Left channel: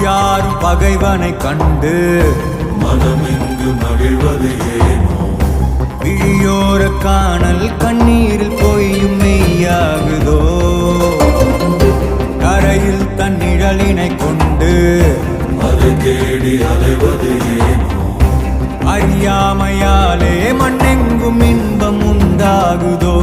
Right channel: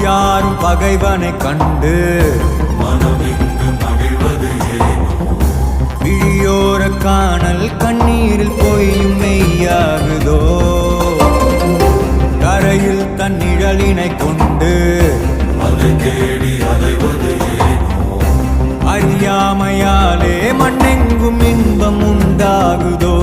யாரும் பகைவனை கண்டு விழியோர காணல் கண்ணீரில் பொய்யும் மெய்யாகுதோ கரையில் தன் நிழலினை கொண்டு அறியாமையாலே மண்ணெங்கும் இன்பம் உண்டாகுதோ